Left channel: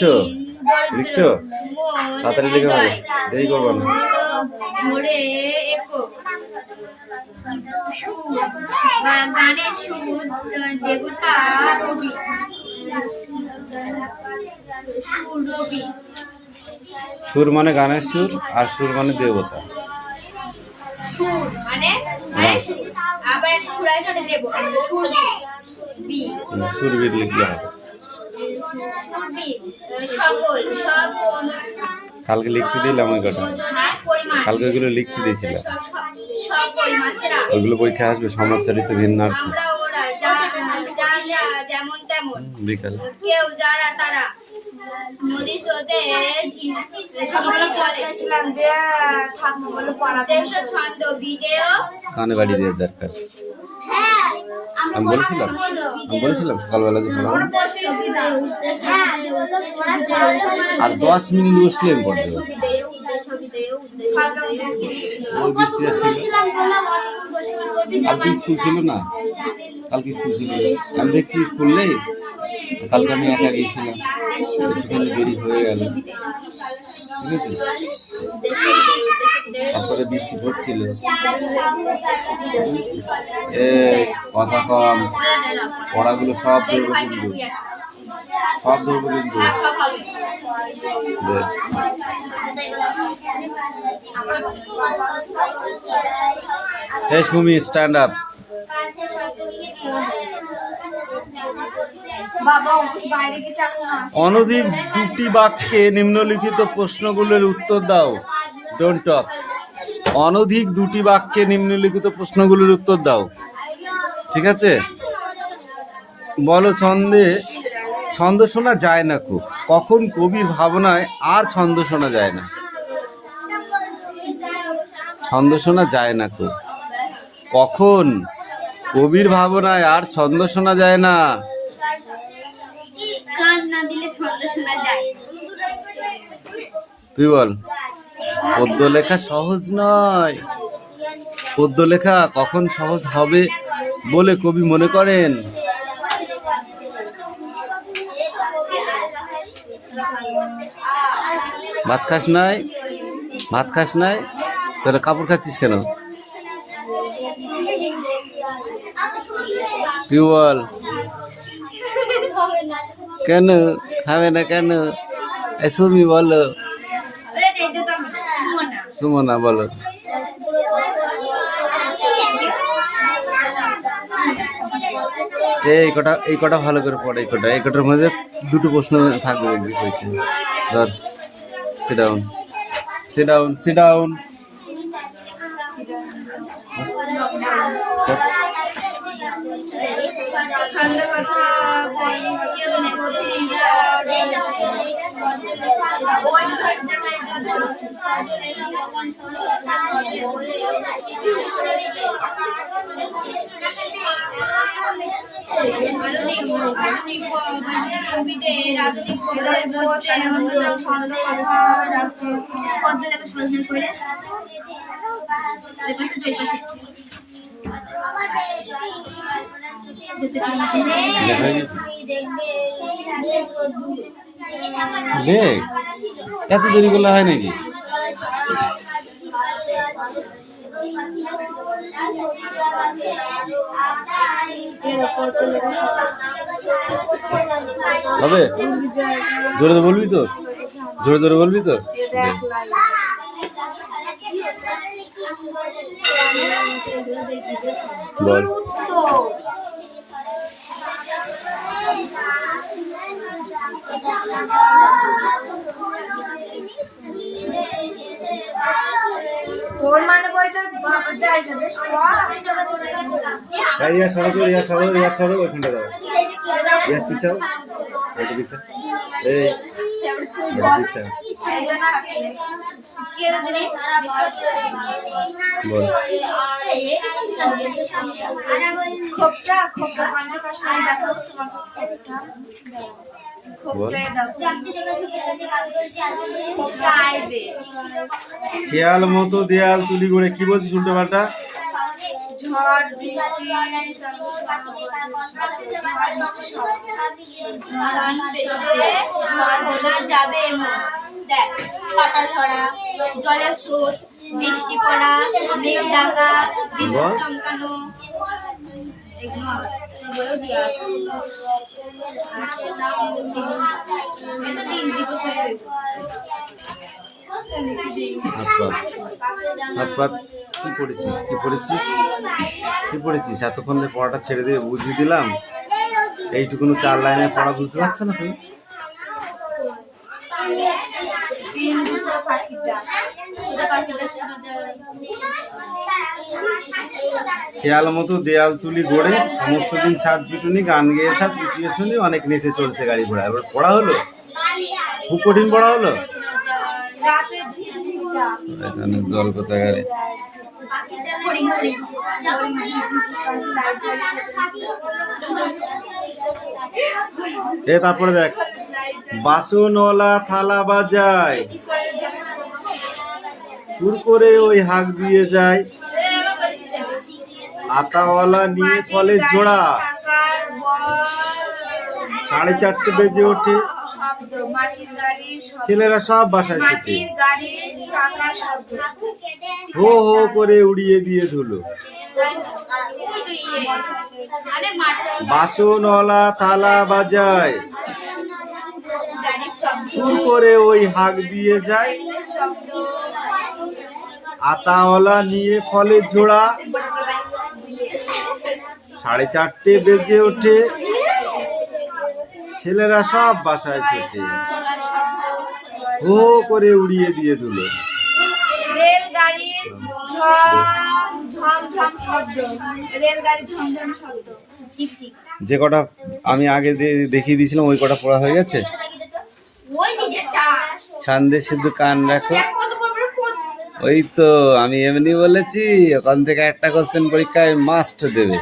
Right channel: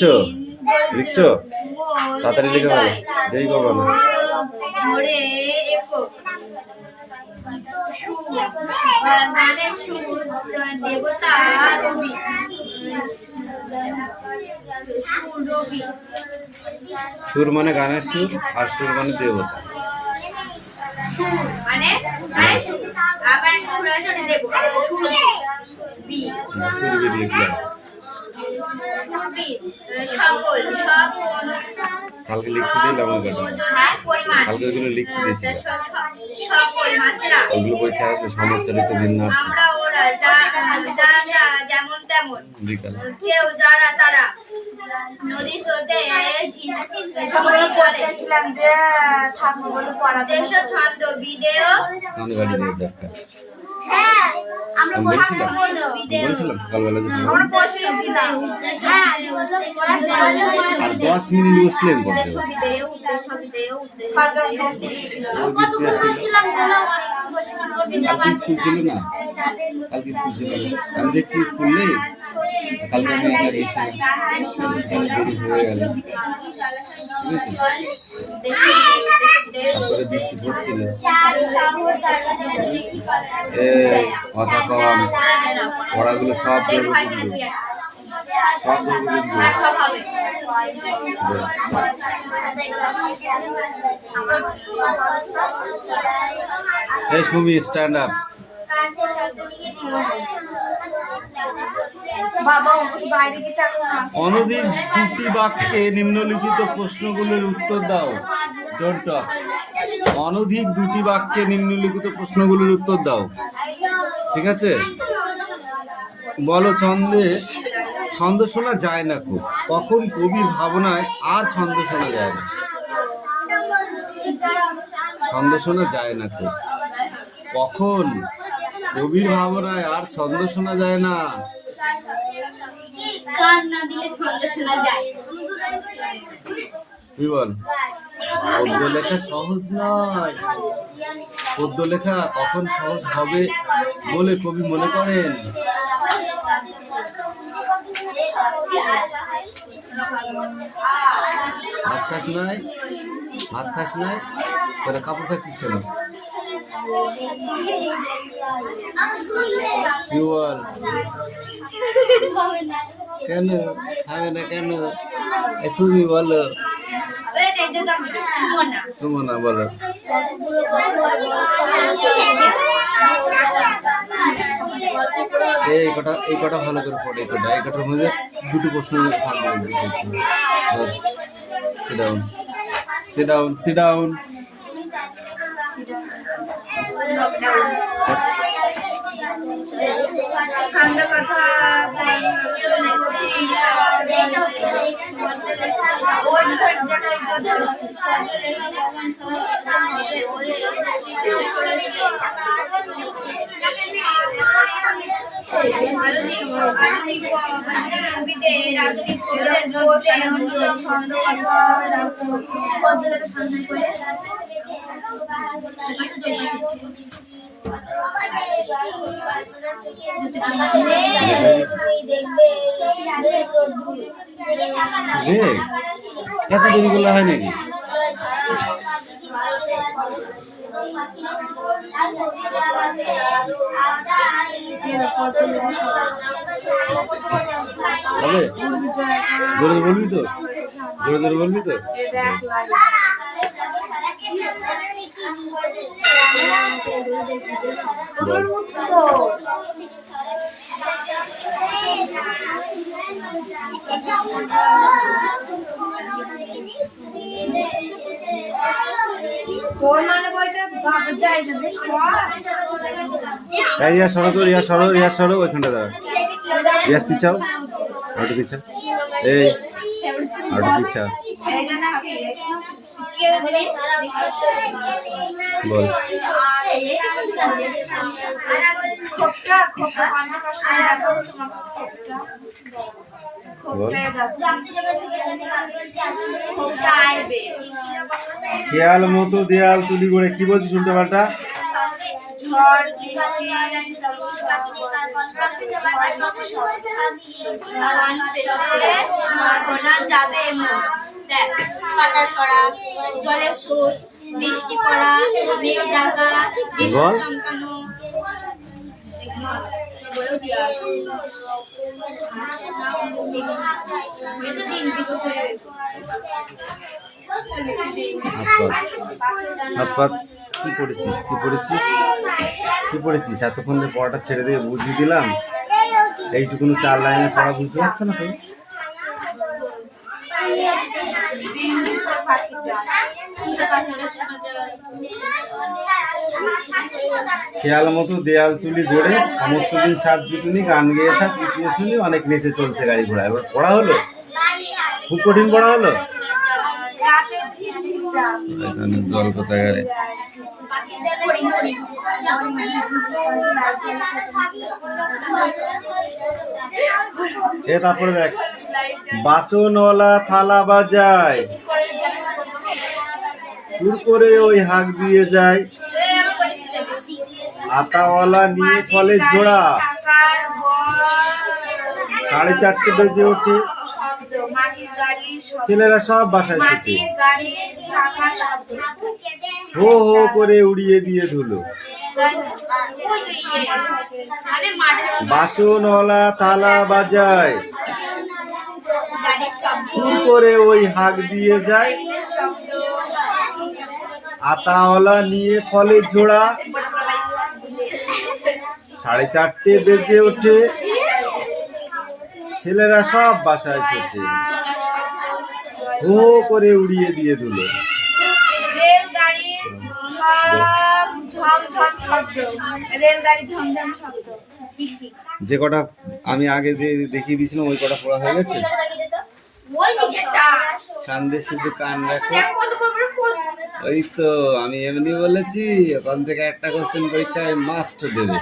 লিখছো লিখছো তাড়াতাড়ি লিখে ভালো, দেরি করবো না। ধরে একক সুর, গানের সুর দেবতা রবি, সুর রবি। সুর মানে গানের সুর, আর সুর মানে দেবতা। সুর মানে গানের সুর, আবার সুর আছে ওটা দেব, সুর বি, সুরবীর লিখলে হবে। সুরবি সকল সব কালকে লিখতে দিলাম ওই কটা, পরিমাণ, কালকে ওইগুলো লিখতে দিয়েছিলাম। সকল মাছেরা ওইগুলো পরীক্ষা আসবে, সমাজচারিত ভিন্নার্থী। আমরা ওরা যা যেমন তেমন, বিকাল কেউ যারা তারা নদী স্রোতে ছিলাম যে ঠাকুর বলে পড়া দেশ ছন্দ ভিডিও কানে বাড়ি দেওয়ার দরকার। হ্যাঁ আমি বলেছিলাম সকালবেলা যে পড়াবো। আর 10 মিনিট বসলেন পড়তে। কালকে স্কুল ছিল না, কালকে স্কুল ছিল না। আমি দেখছি স্কুল নেই, কালকে আমি একা গিয়েছিলাম, একটুখানি দেরি হয়ে গেল, ঠিক আছে। তারপরে বৃষ্টি পড়ছিল, কথা কম, পড়াগুলো সব ধরবো কিন্তু, সব ধরবো কিন্তু। এই সুমি স্ট্যান্ড আপ। অনধিক 2টি বাক্যে নিম্নলিখিত প্রশ্নগুলোর উত্তর দাও। Don't talk. অনধিক 2টি বাক্যে নিম্নলিখিত প্রশ্নগুলোর উত্তর দাও, ঠিক আছে। বলো ছন্দে, ছন্দ শোনা যায় না খুব, কখন কবির ভাবনায় আর ছন্দ শোনা যায় না? ছন্দ শোনা যায় না খুব, কখন কবির ভাবনায় আর ছন্দ শোনা যায় না? গান না দিলে ছন্দ শোনা যায়। তুই বল। পদ্য লেখা সহজ নয়। পদ্য লেখা কখন সহজ হবে বলে কবি মনে করেন? ভাত খাস নাই? ভাত খাস নাই? তাহলে কাপড় খাচ্ছিস কেন? তুই বল। কেন খাবে না কেন? সুমি বলো। সুমনা বলো। এই কটা ভালো করে পড়ে। এই কটার মধ্যে 2টো প্রশ্ন থাকবে। ধর, sit down, sit down, sit down. এত দেরি করলে হয় নাকি? হবে? জোরে জোরে বলবি তো? জোরে জোরে বলবি তো? বল। তোর মানে বইটা যাই না বেশ ইয়া সরো তো, ইয়া সরো, ইয়া সরো, ওইখানটা দাঁড়া। ইয়া পিছাও, ওটা পিছাও। এই ওটা পিছাও। বল। খেয়াল মতো দেয়াল তুলি করে কি বলছিস উল্টো পাল্টা? ঝড় বৃষ্টি যাবে এমন দেখ পাতা ছড়া জলের স্রোত বৃষ্টি পড়া মেঘ ডাকা বিদ্যুৎ চমকানো বইও দেওয়া আছে এটা 3 দিবস হয়ে গেছে হাত পাত কি পড়েছিস এতক্ষণ ধরে পড়াটা ছেড়ে দিয়ে বুঝিয়ে দিলাম, এইটুকুনো 4 লাইনের পড়া বুঝতে পারছো না তুমি? খেয়াল মতো দেয়াল তুলি গড়ে সমস্ত দিন ছাদ পিটুনি গান গেয়ে ছাদ পিটিয়ে শুনি অনেক নেচে চলছে গাড়ি ঘোড়া। এবার পড়া হলো, খুব কঠিন পড়া হলো। এখানে জল কোথায় গেলে তারপরে দেখ বাসনওয়ালা থালা বাজায় সুর করে ওই হাঁক দিয়ে যায়, আতাওয়ালা নিয়ে ফলের জোড়া 4:30 বেজে ওঠে, ছেলেরা সব বাসায় ছুটে হো হো করে উড়িয়ে দিয়ে ধুলো। বাসনওয়ালা থালা বাজায় সুর করে ওই হাঁক দিয়ে যায়, আতাওয়ালা নিয়ে ফলের ঝোড়া 4:30 বেজে ওঠে, ছেলেরা সব বাসায় ছোটে হো করে উড়িয়ে দিয়ে ধুলো। যে কটা আমি আগে দেখিয়ে দিয়েছিলাম ওই কটা পড়া হয়ে গেছে। ছান্দে শুধু কান রাখো, ওই তো আমি এমনি বলেছি ওখান থেকে একটা কোশ্চেন পরীক্ষায় মাস্ট দেবে।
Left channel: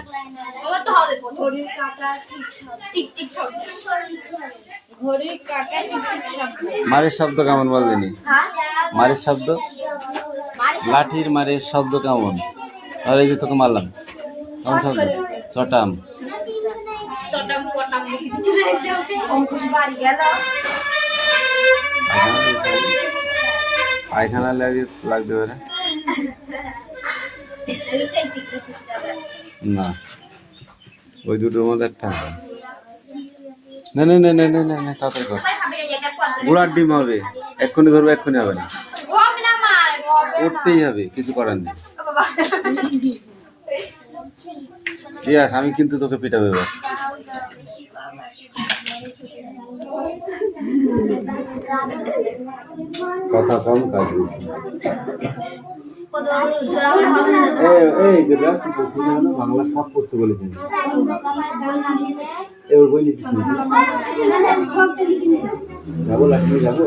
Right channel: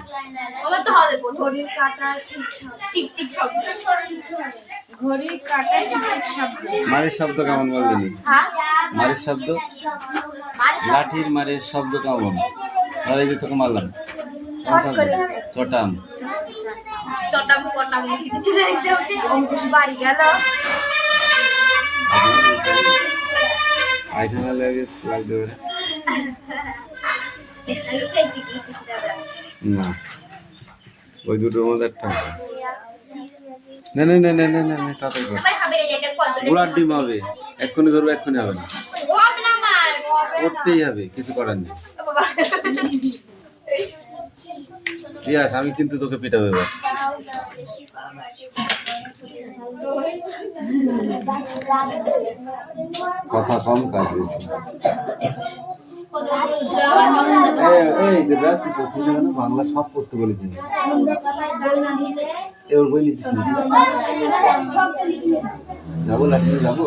মারের শব্দ কেমন বলবেনি? মারের শব্দ, লাঠির মারের শব্দ কেমন? আর এই যে তোকে মারলাম কেমন শব্দ? চটাম। পায়খানা লাগতে পারে না, ওই দুটোর মধ্যে একটা না না না না না না না তাড়াতাড়ি কর, গুড়ার ডিম হবে, এক্ষুনি ধরবো এক্ষুনি হবে না, করতেই হবে, কিছু করার নেই। রিয়াস আমি কিন্তু তোকে পিটাবো এবার। কথা কম কাজ বেশি। এই যে ব্যাসই করছি না, বাংলা সব পড়তে বলেছি। ওর বই নিচ্ছিস নাকি? যাবো লাঠিয়ে যাবো।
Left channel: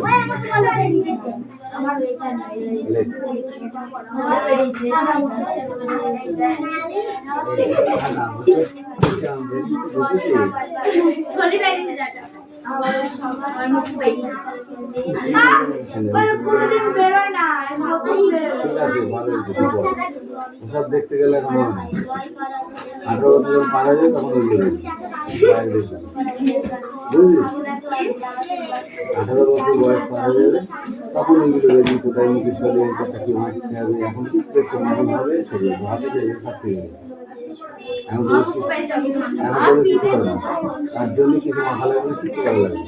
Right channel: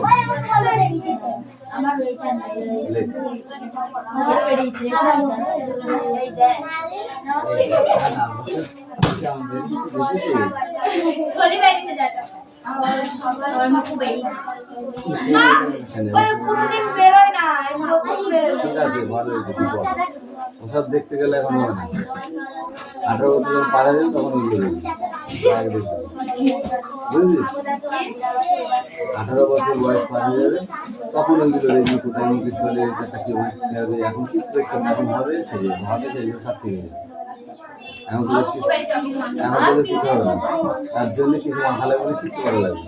ওসব দেখতে গেলে এখন হবে না, 18 বছর যখন পার হয়ে যাবে তখন ওইগুলো বুঝলি, 18 বছর বয়স পার হয়ে যাবে তখন ওইগুলো দেখবি কোথায় মুখে চলে একটা কি হচ্ছে। এখন কিছু দেখতে না, এখন হবে সেগুলো ভাবে সেগুলো সব থেকে যাবে। এখন তো কিছু হবে না, তার জন্য কিছু মাথা লাগবে, কিছু করা লাগবে।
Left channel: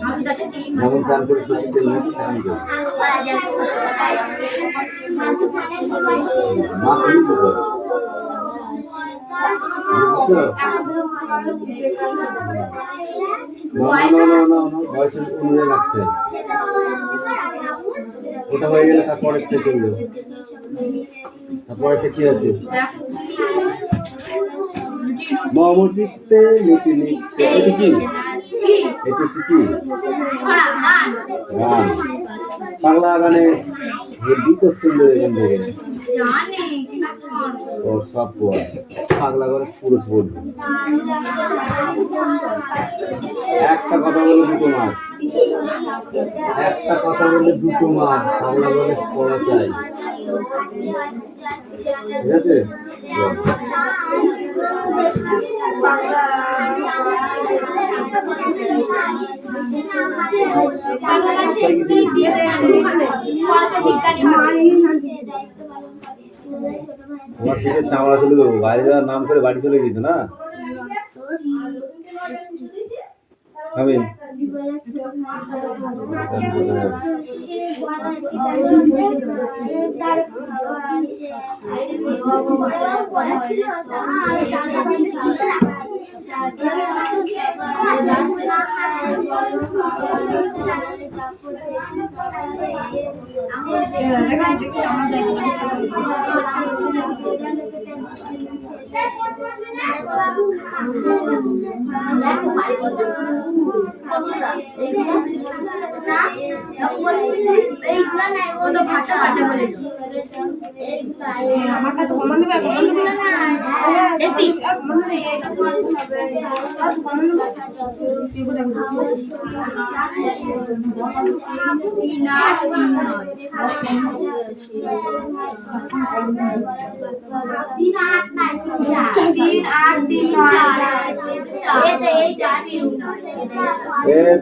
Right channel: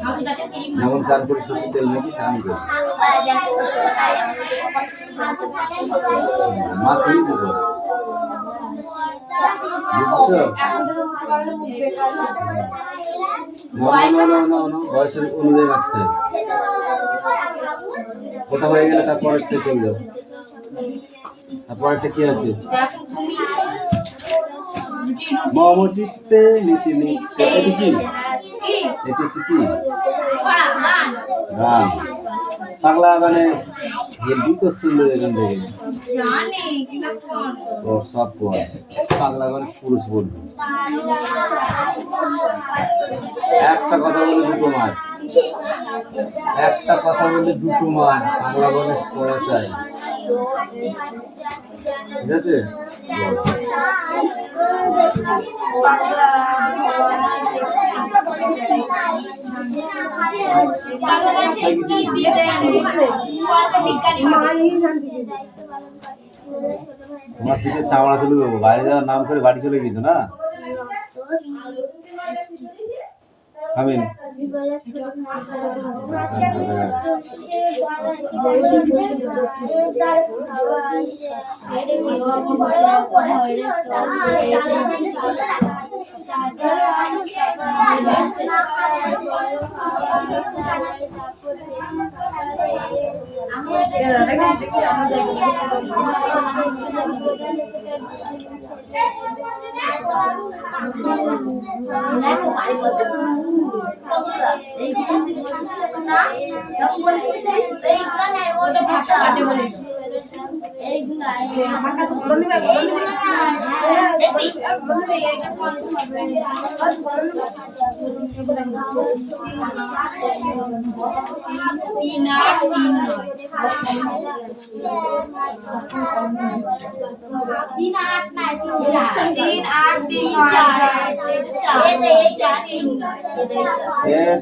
যেমন চান করে সত্যি তেল নাকি স্নান করে মা খুবই উপকার বয়সের অনুযায়ী রাখতে হবে। ওটা হয়ে গেলে তারপরেরটা চলে যাবে। তারপরেরটা কি আছে? মমচিত্তে নীতি লিখতে, এটা কি? এটা কি গান? বাংলা গানে হেভি কোশ্চেন এখান থেকে ও সব বাংলা গানে পুরো পড়বে। একটা কথা বলে দুটো মার, একটা কথা বলে দুটো মার, বাংলা বলে পড়া চাই, ঠিক আছে? তোমার থেকে চামড়া তুলে দেবো, বাইরে যাওয়ার নাম করে বাড়ি চলে গেছো না? আমিন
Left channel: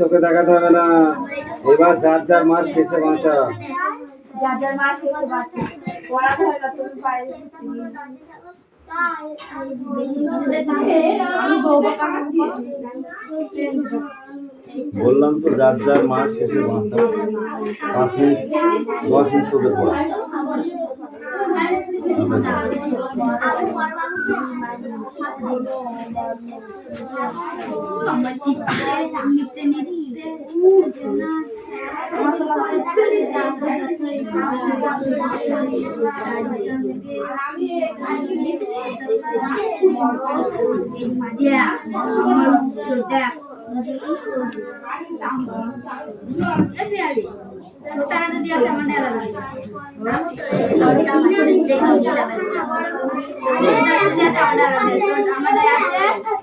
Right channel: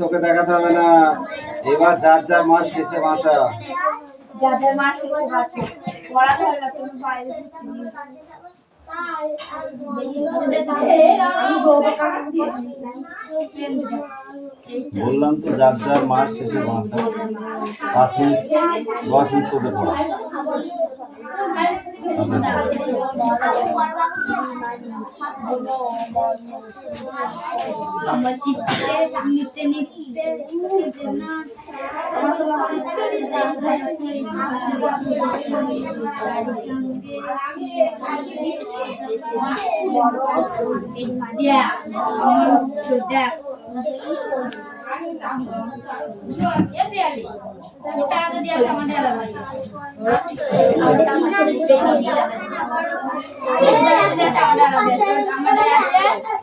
তোকে দেখাতে হবে না, এবার যার যার মাস শেষে বাঁচা। বললাম তো যার যার মাস শেষে বাঁচা। 5 মিনিট 10 মিনিট তোদের পড়া। छोटा आधा दिया हमारे अलग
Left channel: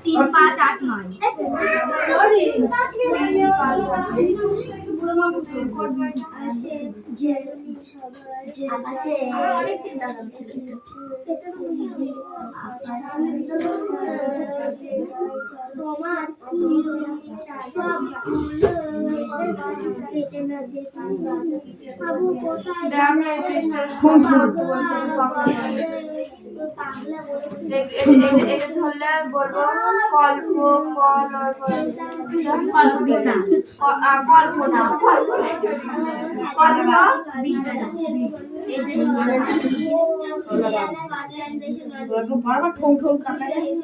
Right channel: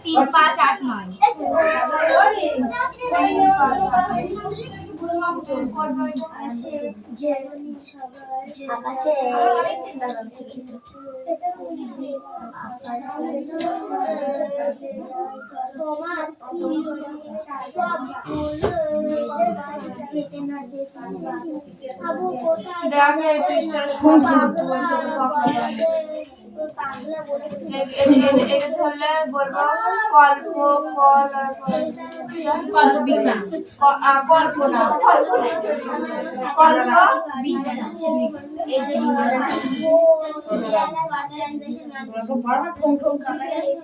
तीन पाँच आठ नौ এটা ধরলে বলবো কল্প কল্প বিজ্ঞান কল্পনা কল্প বিজ্ঞান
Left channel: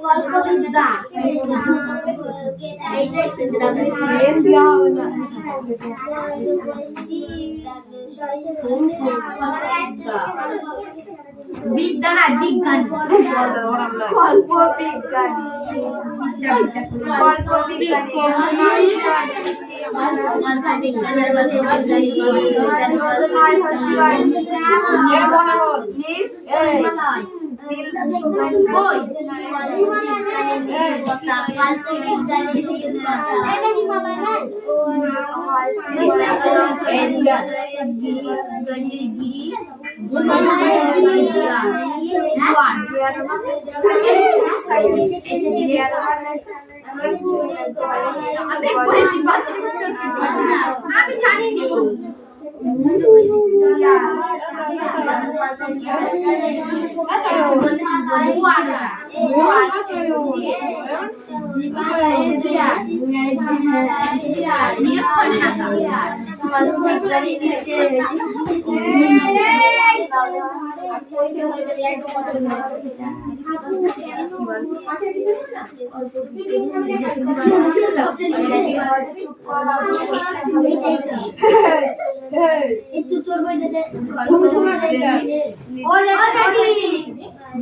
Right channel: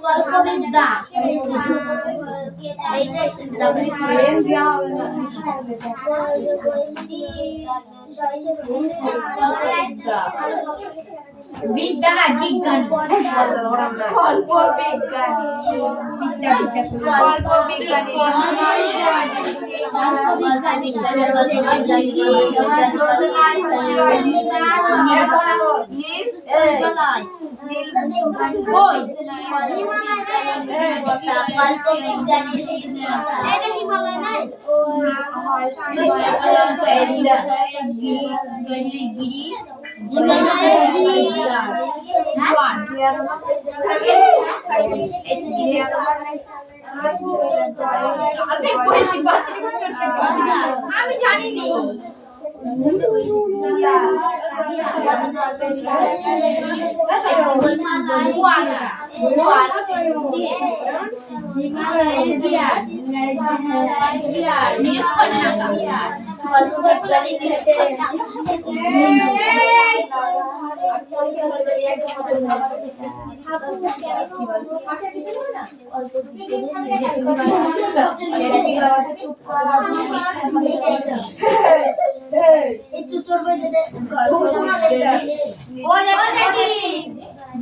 কল্পবিদ্যা বিদ্যা না বিজ্ঞান কল্প বিজ্ঞান কল্প বিজ্ঞান আমি জানিনি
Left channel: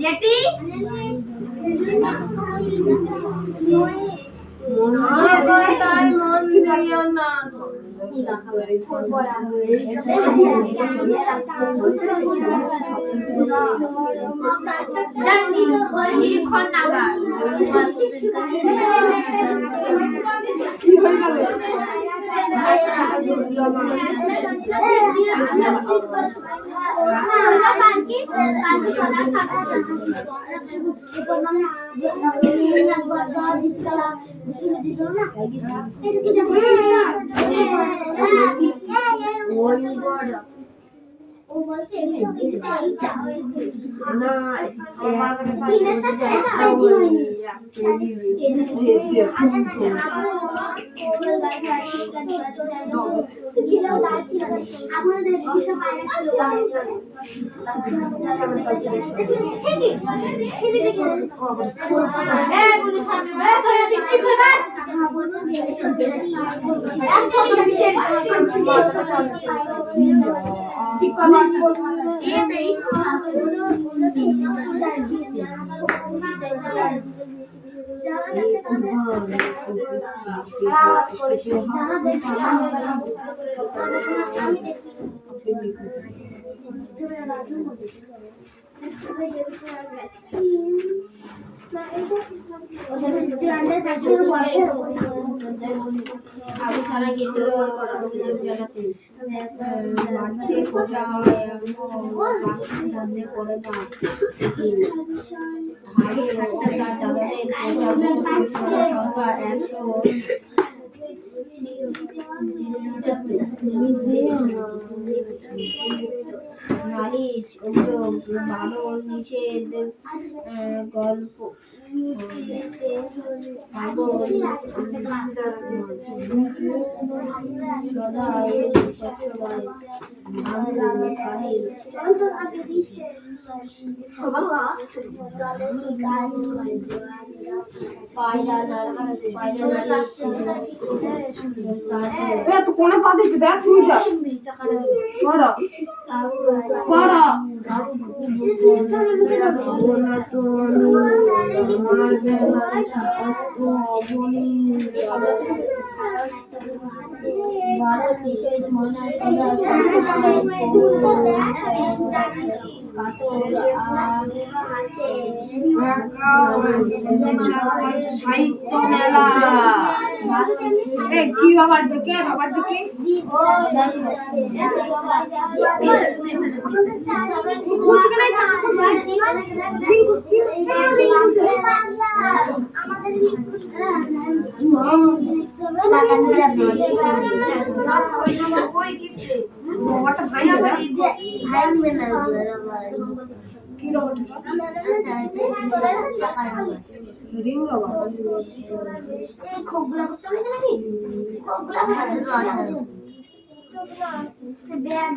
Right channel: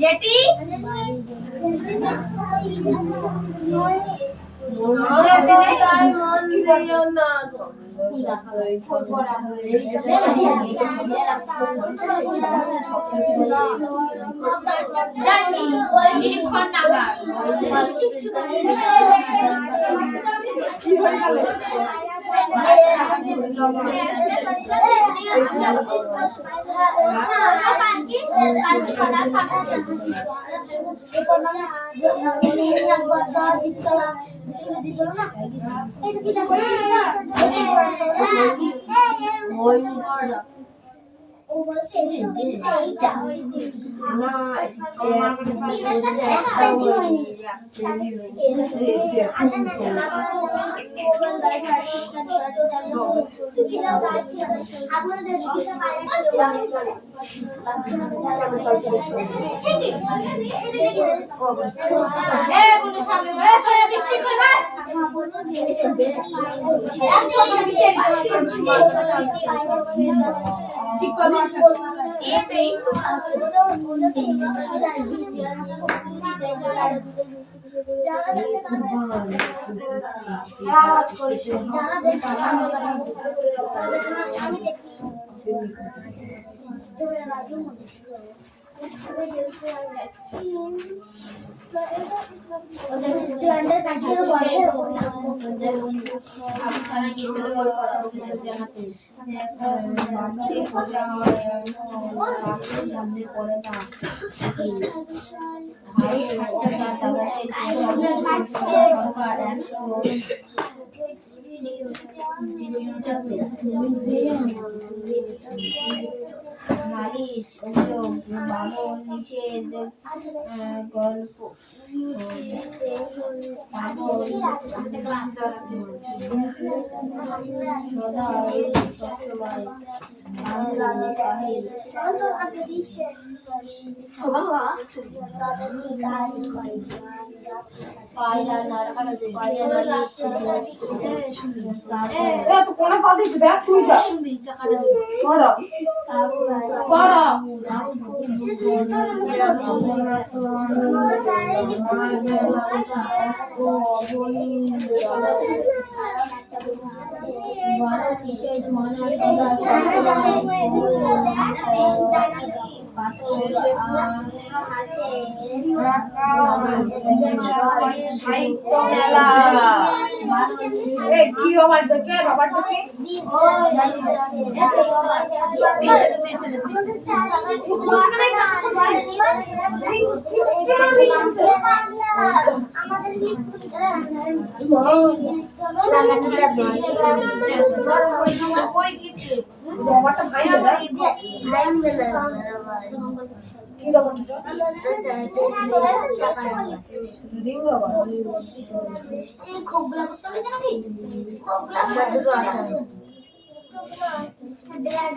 जेटी জানি নিরীক্ষণ নাগার ও বলছে এইটা না নালিশ অভিযোগ বামন নিষেধ গল্প কোনো কথা দেখ তুই যা পড়া ভারত নিষেধ মানা সাহিত্য মেলা কি রবার দেখে রবারটা ভাই কি রবার রিং রবার খোগলা করতে হবে নাকি খোগলা ব্যাগ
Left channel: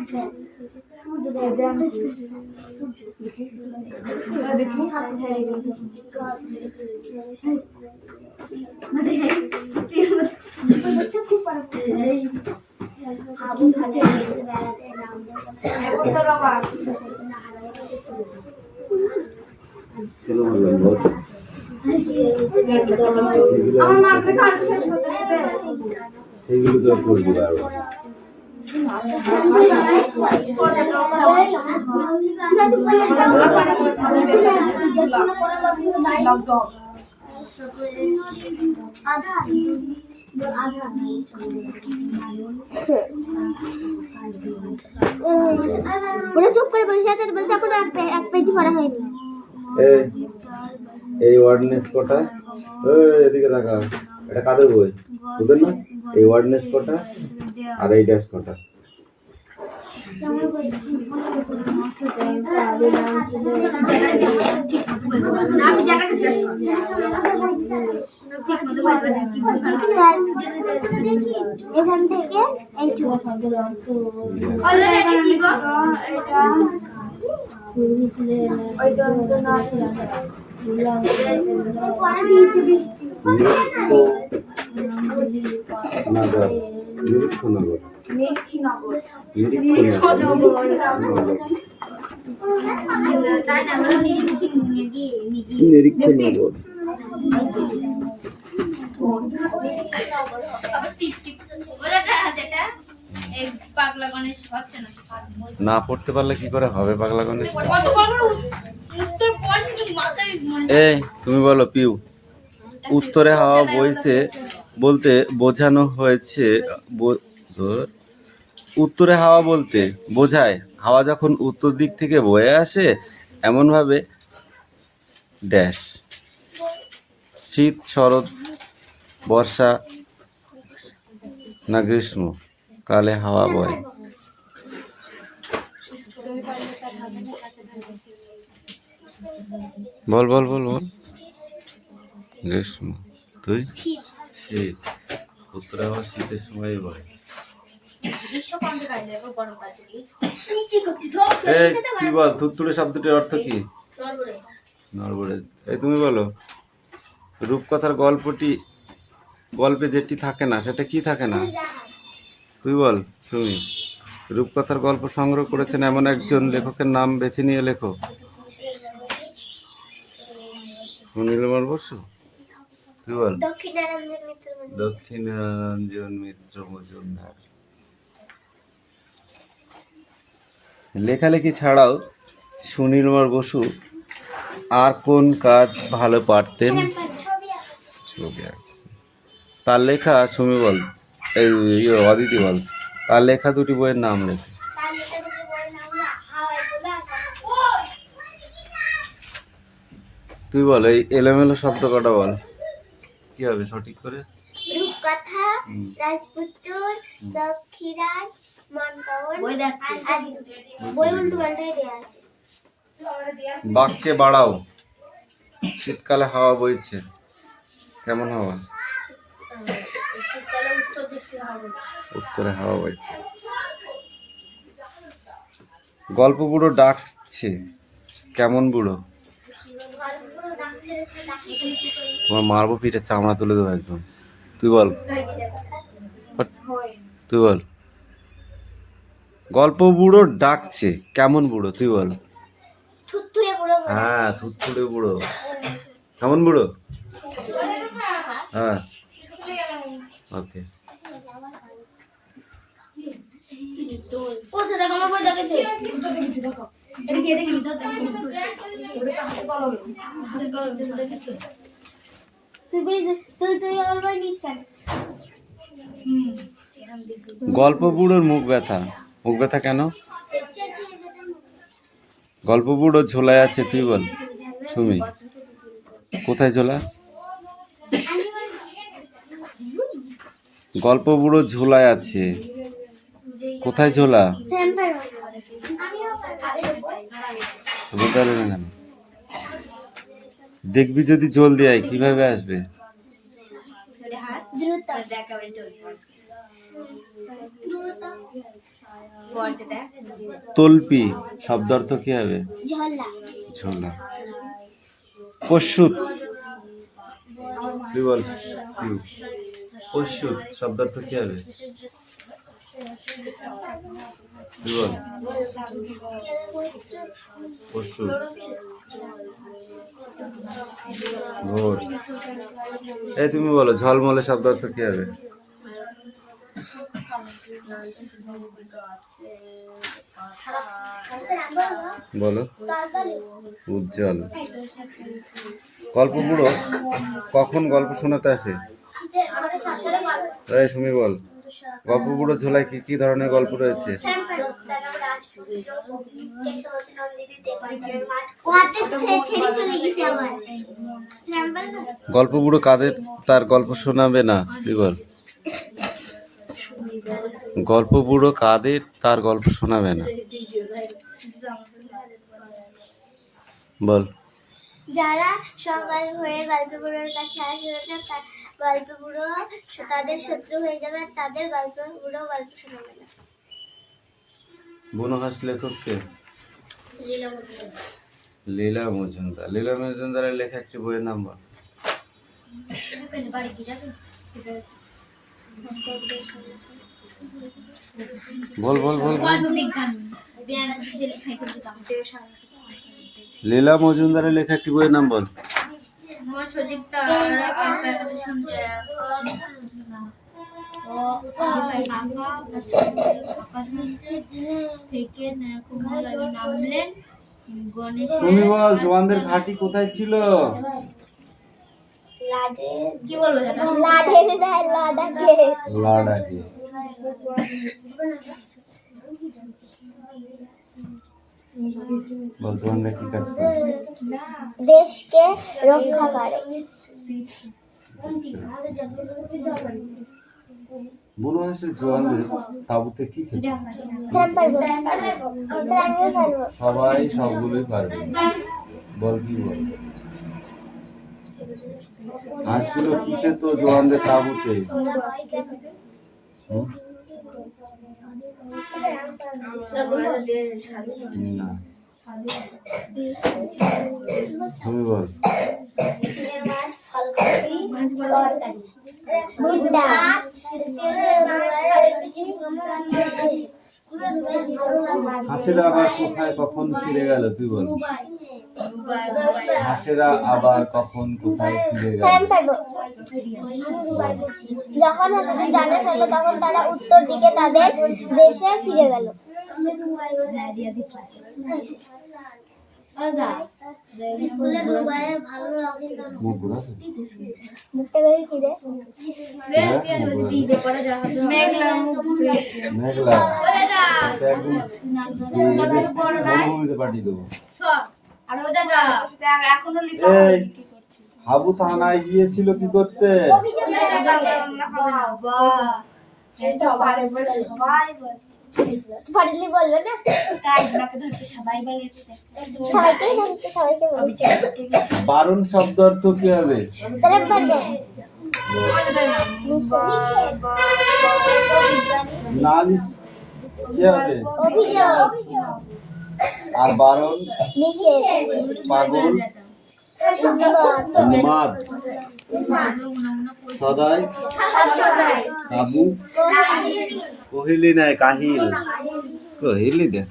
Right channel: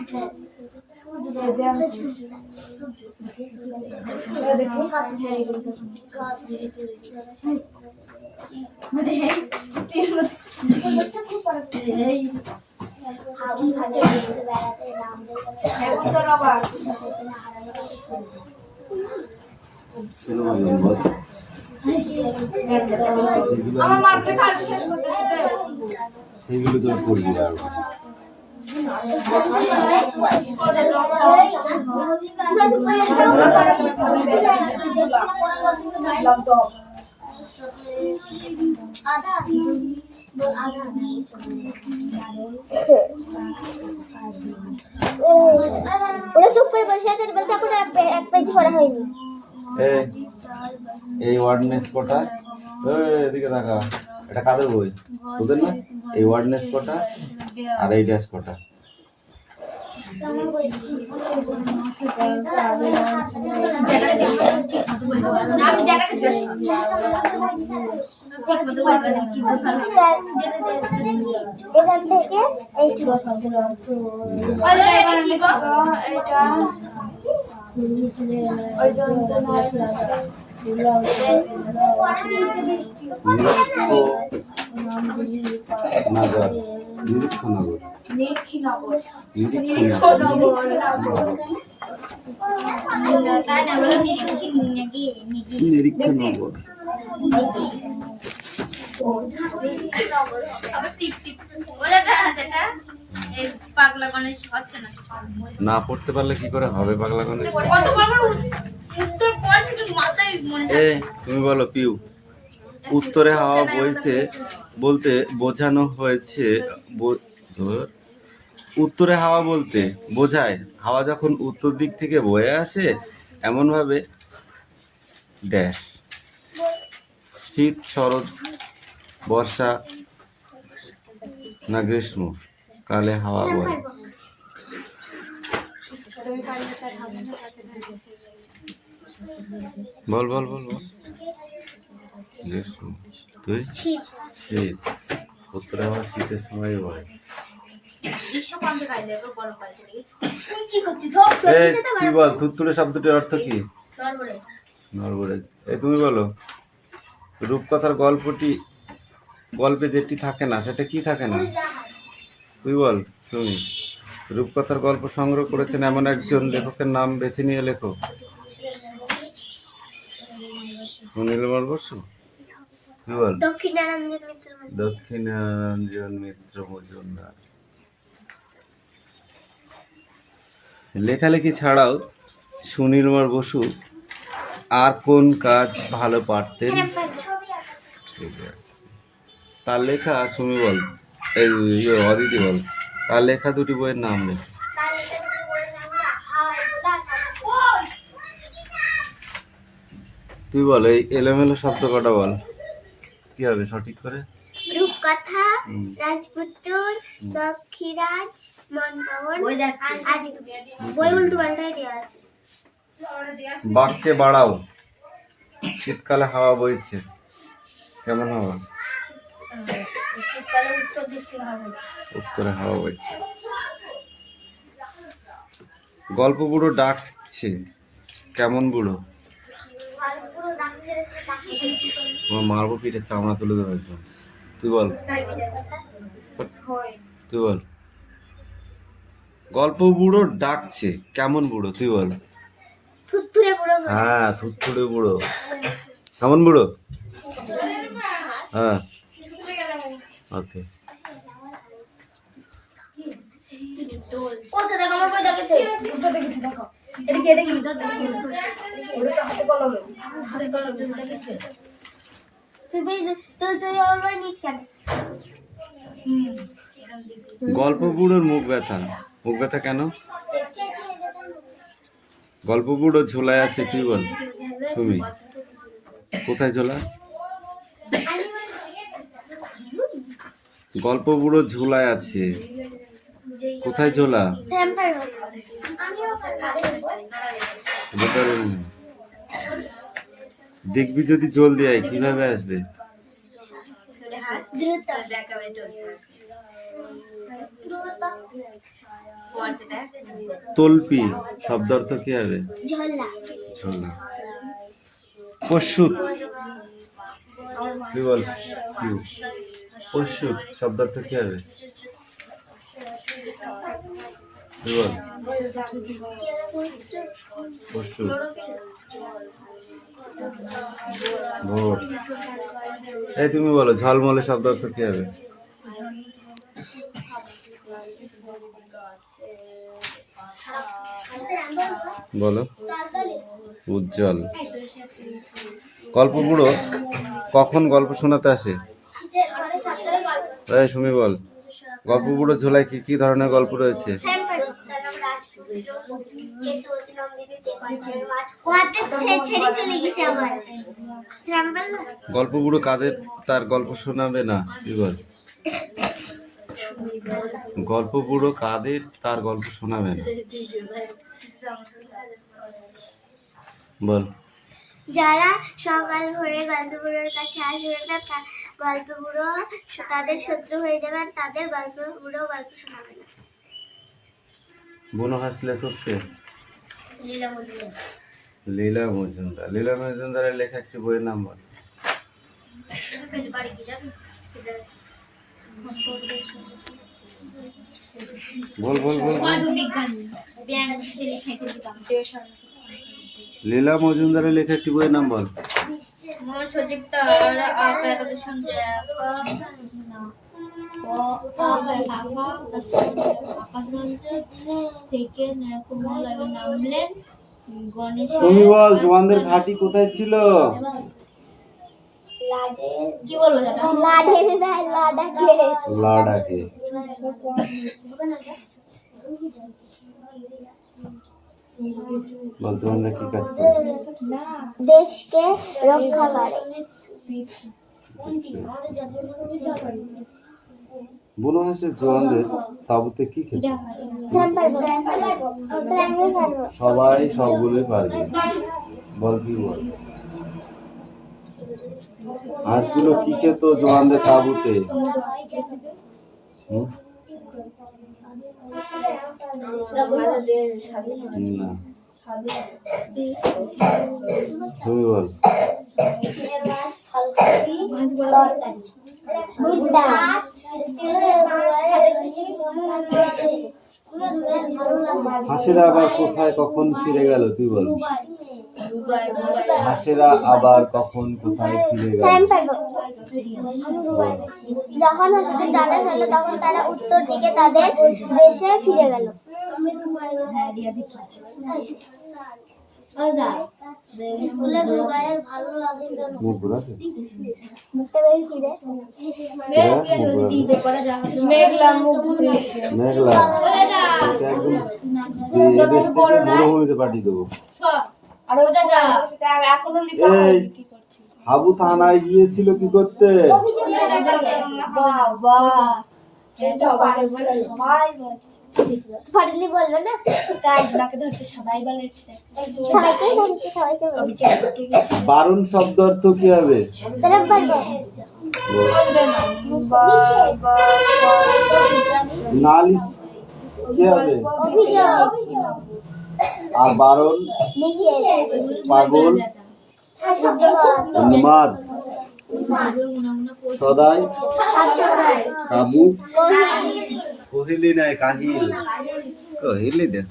সেইগুলো তো করবি আরো ওরা চুপ করে বসে আছে বলছে এখন এক পেজ পড়া হয়নি এই ওয়ার্ডনেস কটা এদিকে দেখা এটা কাদের বই তোদের না এই ওয়ার্ডনেস কটা আর এই ড্যাশ কটা এখান থেকে এইটুকু নিরীক্ষনগর না পড়তে পারলে কি করে হবে পাগলা গণেশ তুমি বলো পিউ উত্তরে হাওয়া বইছে বলতে বোঝানো হয়েছে উত্তরে হাওয়া বলতে বোঝায় হাওয়া যখন উত্তর দিক থেকে বয়ে আসে এমন ভাবে ড্যাশ শীত শরৎ বর্ষা না গ্রীষ্ম কালে হাওয়া বয়। বল বল বল বল। গ্রীষ্ম। তুই? শীত। উত্তরে হাওয়া শীতের সময় বয়। এই কি বল থুতথুড়ে শব্দটির অর্থ কি? নড়বড়ে। এই তুমি বলো রূপকথার গল্পে যেটি থাকে না সেটা কি থাকে না? তুই বল শুনি। রূপকথার গল্প সংগ্রহ করেছেন এমন একজন লেখকের নাম বেছে নিয়ে লেখো। সুনীলমল বসু। তুই বল। দক্ষিণারঞ্জন মিত্র মজুমদার। লেখালেখি ছাড়াও সুনীলমল বসু আর কোন কাজ ভালো পারতেন? ছবি আঁকা। তার লেখা সুমি বল অদিতি বল তার লেখা দুটি বইয়ের নাম লেখো। তুই বল এই এলোমেলো শব্দ কটা বল কি হবে সঠিক করে? রূপকথা, রাজপুত্র, দক্ষিরাজ, মনপাবন, বই উল্টো পাল্টাই দেওয়া আছে। বাক্যে বাড়াও। শীতকালে হাওয়া বইছে কেমন হাওয়া? শীতকালে উত্তর দিক থেকে হবে। উত্তরে হাওয়া বইছে। গল্প বুড়ো ডাকছে কেমন বুড়ো? তোমার মারবো পিঠে চামড়া তুলে দেবো একদম। তুই বল। তুই বল। গল্প বুড়ো ডাকছে কেমন বুড়ো? তুই বল। থুতথুরে বুড়ো। হ্যাঁ থুতথুড়ে বুড়ো। কেমন বুড়ো? হ্যাঁ ওকে। কোথায় দেখো আমার বই দেখেছে উত্তর দেখেছি দেখো এদিকে এদিকে ভিতর দেখেছি ওটা হাতে কলমে দেখেছে তুই ওর বই নিস কেন? গল্প বুড়োর মুখ ব্যথা। মুখ ব্যথা কেন? গল্প বুড়ো ঝোলায় আছে তুই বল সুমি। কোথায় ঝোলা? গল্প বুড়ো ঝোলায় আছে কোথায় ঝোলা? দেখবি যদি জলদি আয় কিভাবে আসবে? তল্পি শব্দার্থ কি হবে? ঝোলা। পশুত। তুই বল পশুত শব্দার্থ কি হবে? তুই বল। পশুত। ভোর। এই তুমি বলো ঝলমলে শব্দার্থ কি হবে? বলো। উজ্জ্বল। গল্প বুড়ো কখন গল্প শোনাতে আসে? এই সুমি বল গল্প বুড়ো ঝোলায় কি কি ধরনের গল্প রয়েছে? গল্প বুড়ো কাদের তার গল্প শোনাবে না? তুই বল। গল্প বুড়ো কাদের তার গল্প শোনাবে না? বল। যারা সকাল ভোরে গল্প বুড়োর কাছে আসবে না গল্প বুড়ো তাদের শত্রু হয়ে যাবে আর তাদের গল্প বুড়ো গল্প শোনাবে না। বুনো হাঁস লেখক কে? লীলা মজুমদার। লীলা মজুমদারের লেখা একটি বইয়ের নাম বল। বল বল বল। লীলা মজুমদারের লেখা একটি বইয়ের নাম বল। তুমি বল জোয়ানদের ঘাঁটি কোথায় ছিল? কি বলবো জানো? লাডের না লাডাকে লাডাকে। বল তোমরা কি কাজ করো? দেশকে রক্ষা করে। বুনো হাঁসের জোয়ানদের তাঁবুতে কি খেতে? স্যার পারবো, স্যার আমিও পারবো। সবাই সবগুলোই পারবে। বল কি বল? হাঁসগুলো কি খেত জোয়ানদের তাঁবুতে? হুম? না, তুমি বল। ভুট্টা, হাঁসেরা আবার কোথায় কখন ফিরে গেল তুই বল? হাঁসেরা আবার কখন কোথায় ফিরে গেল? স্যার পারবো। যখন হাঁসদের ডানা সরল তখন তারা উত্তর দিকে তাদের দেশে ফিরে গেল। মুখ ঘুরাছে? মুখটা বের ফিরে মেঘলা মুখ ঘুরেছে। মেঘলা তোকে একদম এদেশ থেকে মরুভূমিতে পাঠিয়ে দেবো। আর ওটা না এখনো লিখা এই হাবু থানায় গিয়েছিল কি করতে? ফাটলি বলবে না, সবাইকে ধরতে সবাইকে বলছে। বারণ শব্দ অর্থ কি হবে? তাহলে পারবো। নালিশ কি হবে? অভিযোগ, আর বারণ নিষেধ, পাগল উন্মাদ সদাই কাবু কহিলি নাই কাহিল কহিলি দেশ।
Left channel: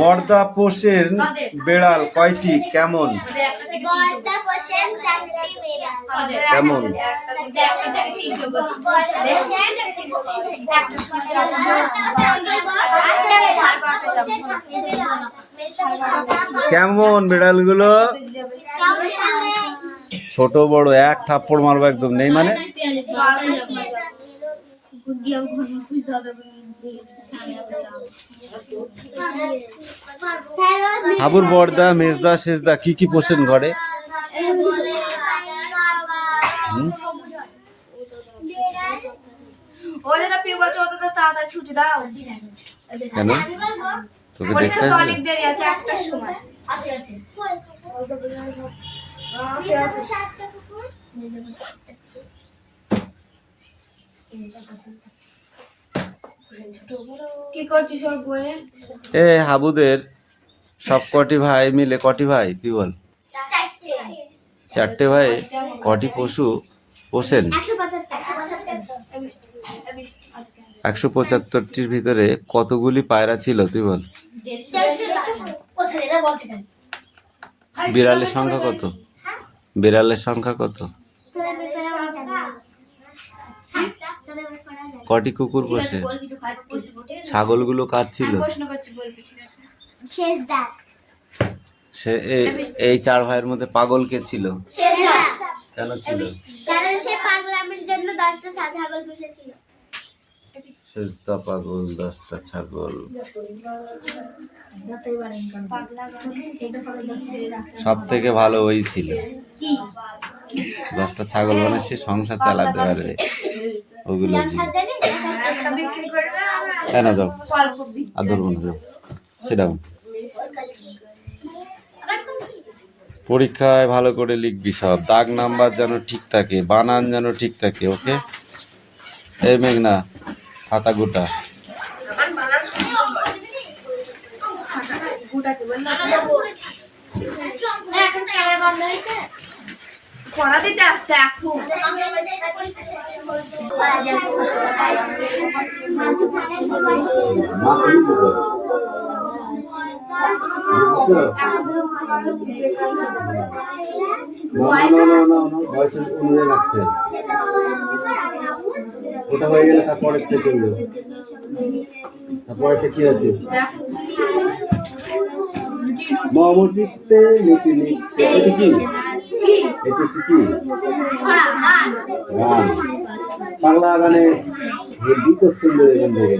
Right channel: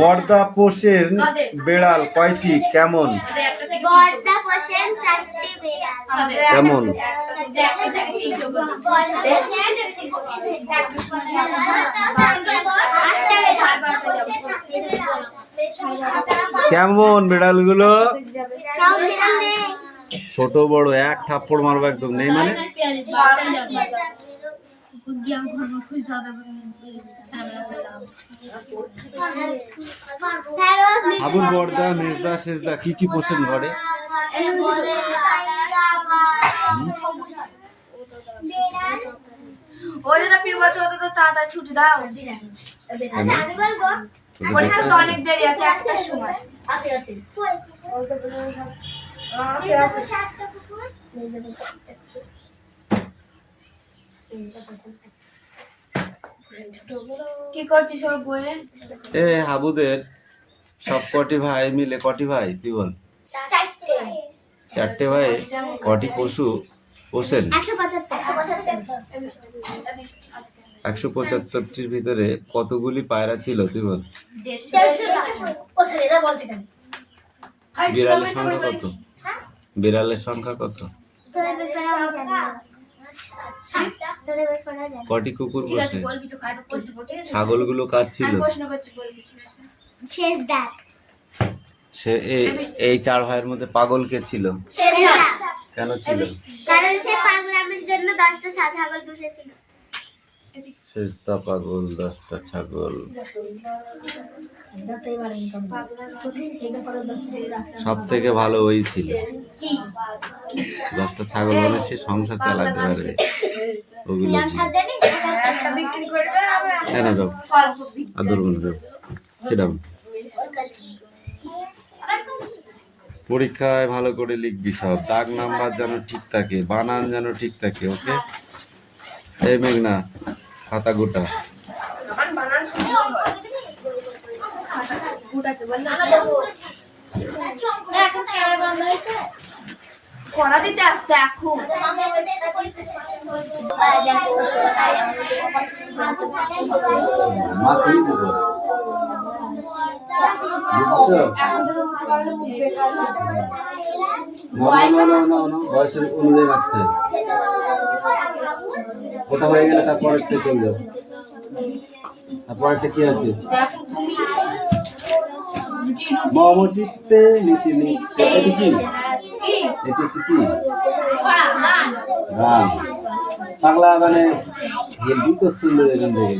বর্দা পোষেন বেড়াল কয়টি কেমন? বর্দা পোষেন 4টি বিড়াল। কেমন? কেমন বিড়ালগুলো? ছোট বড় এক থাপ্পড় মারবো একদম নেই মানে? হাবুর বর্দা মেজদা সেজদা কি কি পোষেন ঘরে? ওই জন্য পিবছ ওটা তো তাড়াতাড়ি ছুটি দাও। কেন? তোকে ওটা দেখতে তো আসবে? অনেক দেরি আছে, একটার সময় আছে আছে। কি করছিস ওর বইয়ে? এ হাবুদের সব কটি ভাই মিলে কটি ভাই তুই বল? 4টে ভাই কটি পশু পোষেন? 175টির ভিতরে কতগুলি পায়রা ছিল তুই বল? বিড়ালের সংখ্যা কত? বিড়ালের সংখ্যা কত? কটি কুকুর পোষে? ছাগলগুলো কার ছিল? শেষদার, সে এই 4 ভাইয়ের মধ্যে পাগল কে ছিল? শেষদার, কেন ছিল? কারণ সে পাগলামির জন্য 10টা ছাগল পুষেছিল। সেজদা পাগল 10টা ছাগল। সব থেকে ভালো ওই ছিল। 10টা ছাগল মানে সে সংসার চালাতে পারবে ওগুলো দিয়ে। কেন যাও আদর বোন যাও সেটা পরীক্ষায় ভালো করে লিখবি সব, দাগ নাম্বার যেন ঠিক থাকে, বানান যেন ঠিক থাকে। ওকে? এই মেঘনা খাতা গোটা। পড়া দিতে আসছে এখন। মা কি বলবো? বুঝছো? না, বয়সের অনুযায়ী রাখতে হবে। ওটা হয়ে গেলে তারপরেরটা চলবে। তারপরেরটা কি আছে? মম চিত্তে নীতি লিখতে, এটা কি? এটা কি? গান। পাগলা গানে হেভি কোশ্চেন এখান থেকে।